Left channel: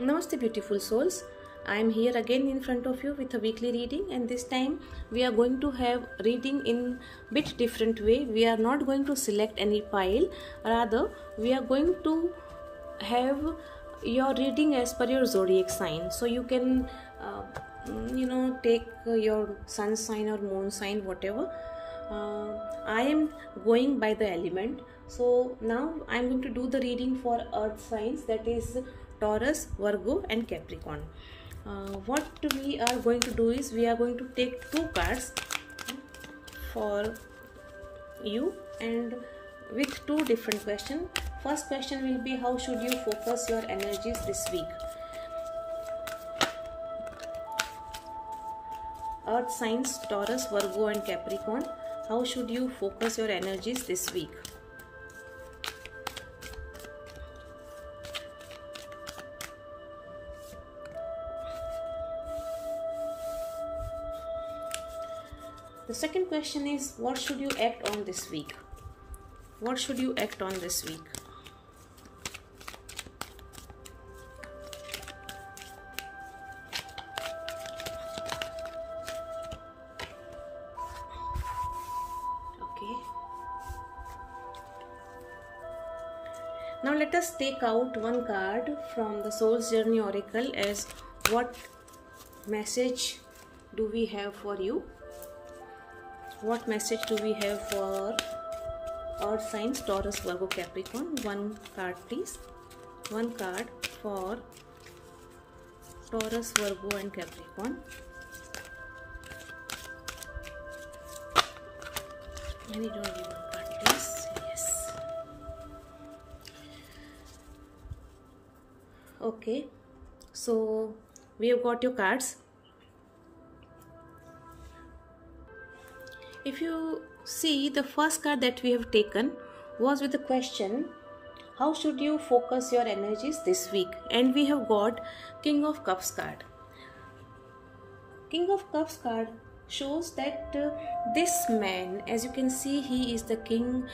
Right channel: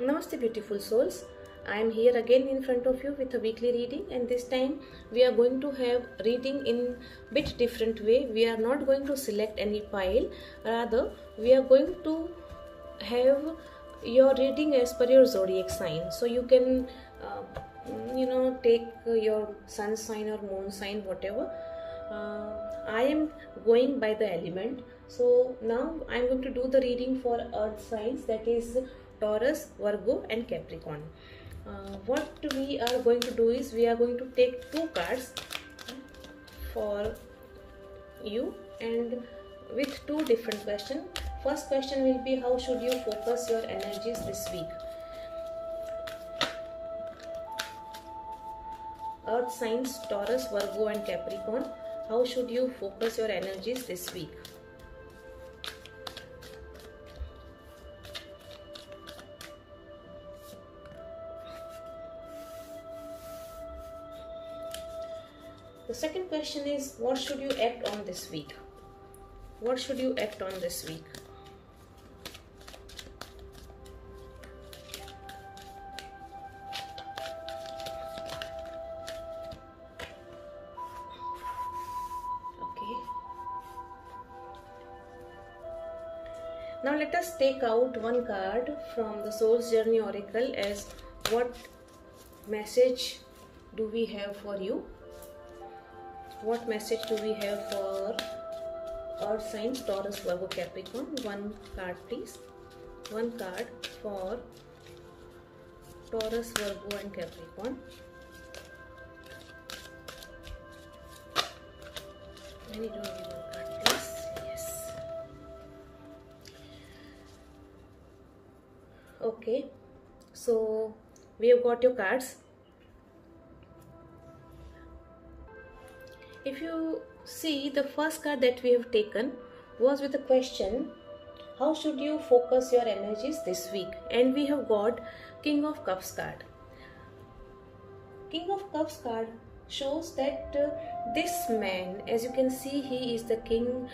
Namaste beautiful souls. I am here again in front of you with a weekly reading, and this time we are going to have reading in bit different way. We are not going to select any pile, rather we are going to have your reading as per your zodiac sign. So you can take your sun sign or moon sign, whatever. I am going by the element. So now I am going to do the reading for earth signs, that is Taurus, Virgo and Capricorn. What we are going to do is we are going to take two cards for you and with two different questions. First question will be, how should you focus your energies this week? Earth signs Taurus, Virgo and Capricorn. How should you focus your energies this week? The second question is, what should you act on this week? What should you act on this week? Okay. Now let us take out one card from the Soul's Journey Oracle as what message do we have for you? What message do we have for earth signs Taurus, Virgo, Capricorn? One card please. One card for Taurus, Virgo and Capricorn. I need only one card please. Yes. Okay. So we have got your cards. If you see, the first card that we have taken was with the question, how should you focus your energies this week? And we have got King of Cups card. King of Cups card shows that this man, as you can see, he is the king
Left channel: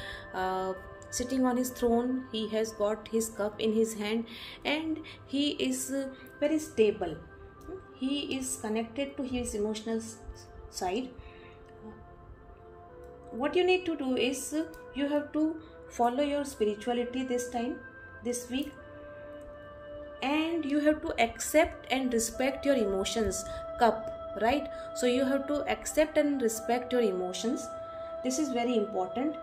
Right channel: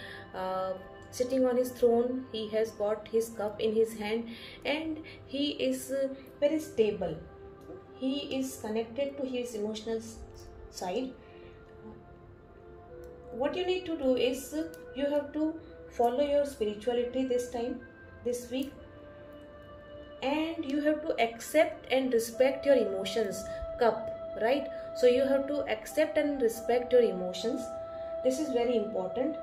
sitting on his throne. He has got his cup in his hand and he is very stable. He is connected to his emotional side. What you need to do is you have to follow your spirituality this week, and you have to accept and respect your emotions. Cup, right? So you have to accept and respect your emotions. This is very important.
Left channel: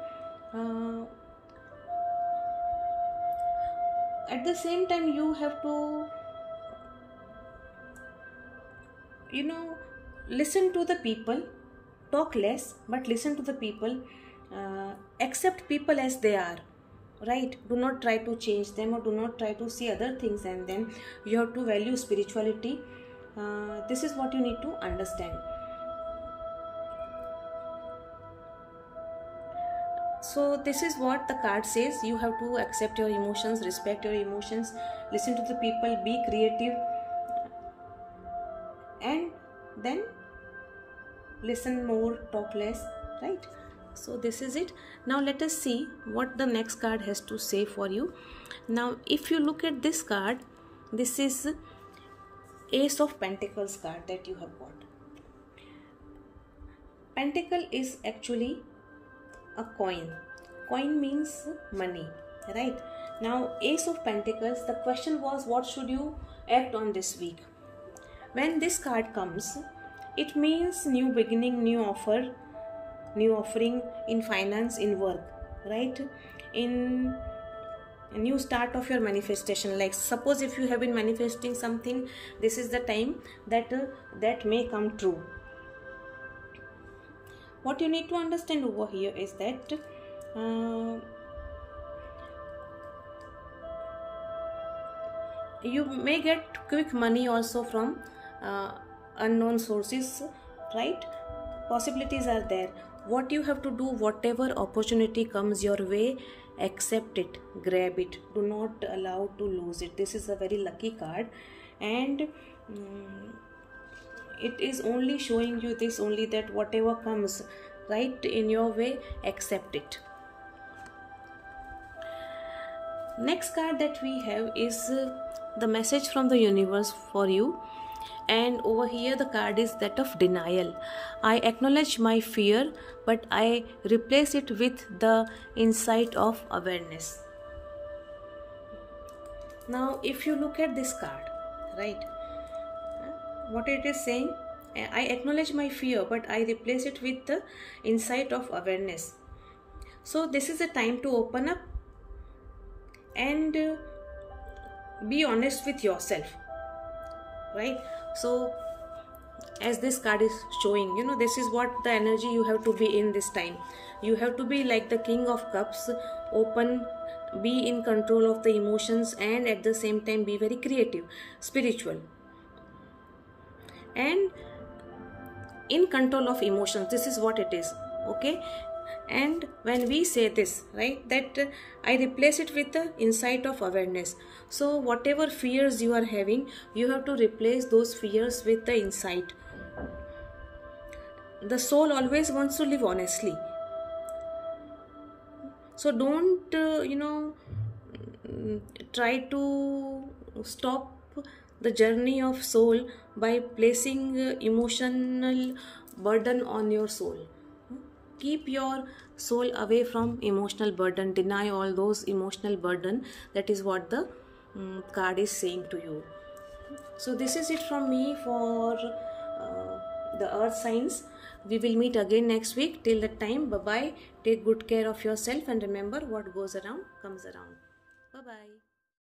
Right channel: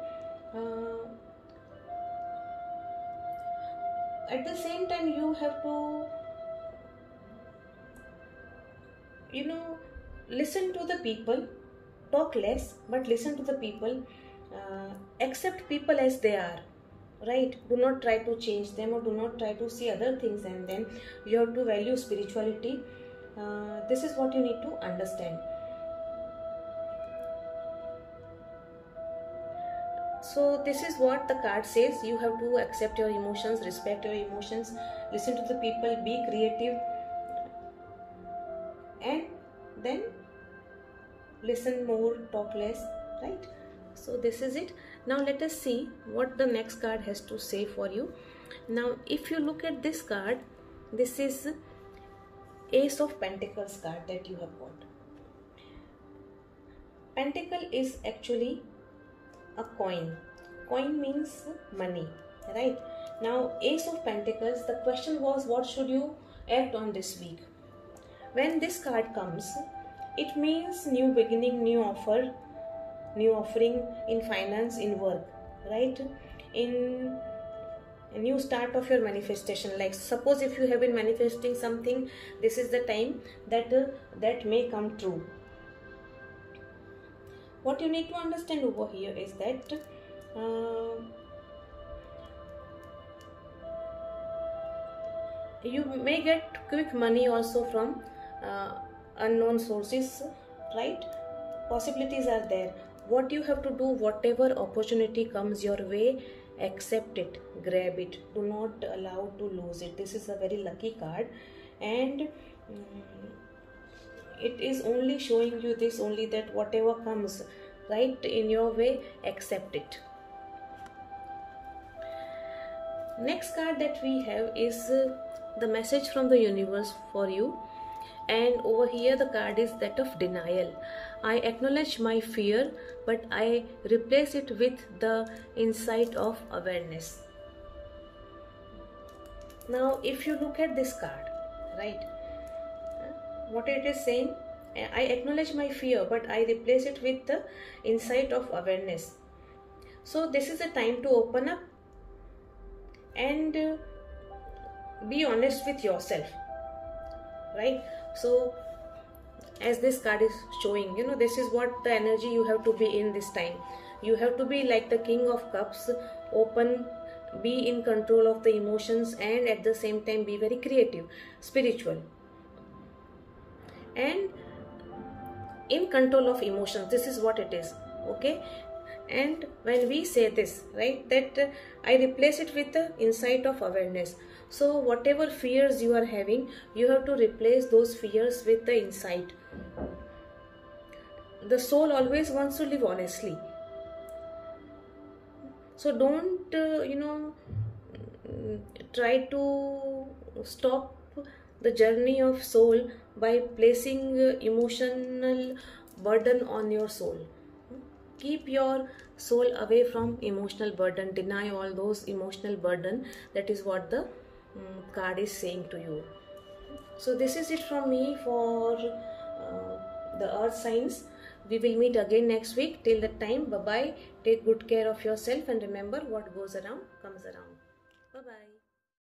At the same time, you have to listen to the people. Talk less, but listen to the people. Accept people as they are, right? Do not try to change them or do not try to see other things and then you have to value spirituality. This is what you need to understand. So this is what the card says. You have to accept your emotions, respect your emotions, listen to the people, be creative, and then listen more, talk less, right? So this is it. Now let us see what the next card has to say for you. Now if you look at this card, this is Ace of Pentacles card that you have got. Pentacle is actually a coin. Coin means money, right? Now Ace of Pentacles, the question was, what should you act on this week? When this card comes, it means new beginning, new offer, new offering in finance, in work, right? In a new start of your manifestation. Like suppose if you have been manifesting something, this is the time that may come true. What you need to understand over here is that you may get quick money also from unknown sources, right? Possibilities are there. What you have to do, whatever opportunity comes your way, accept it, grab it, do not allow to lose it. This is a very lucky card, and it is only showing you this only, that whatever comes right in your way, accept it. Next card that we have is the message from the universe for you, and over here the card is that of denial. I acknowledge my fear, but I replace it with the insight of awareness. Now if you look at this card, right, what it is saying, I acknowledge my fear, but I replace it with the insight of awareness. So this is a time to open up and be honest with yourself, right? So as this card is showing, you know, this is what the energy you have to be in this time. You have to be like the King of Cups, open, be in control of the emotions, and at the same time be very creative, spiritual, and in control of emotions. This is what it is, okay? And when we say this, right, that I replace it with the insight of awareness. So whatever fears you are having, you have to replace those fears with the insight. The soul always wants to live honestly. So don't try to stop the journey of soul by placing emotional burden on your soul. Keep your soul away from emotional burden. Deny all those emotional burden. That is what the card is saying to you. So this is it from me for the earth signs. We will meet again next week. Till that time, bye bye. Take good care of yourself, and remember, what goes around comes around. Bye bye.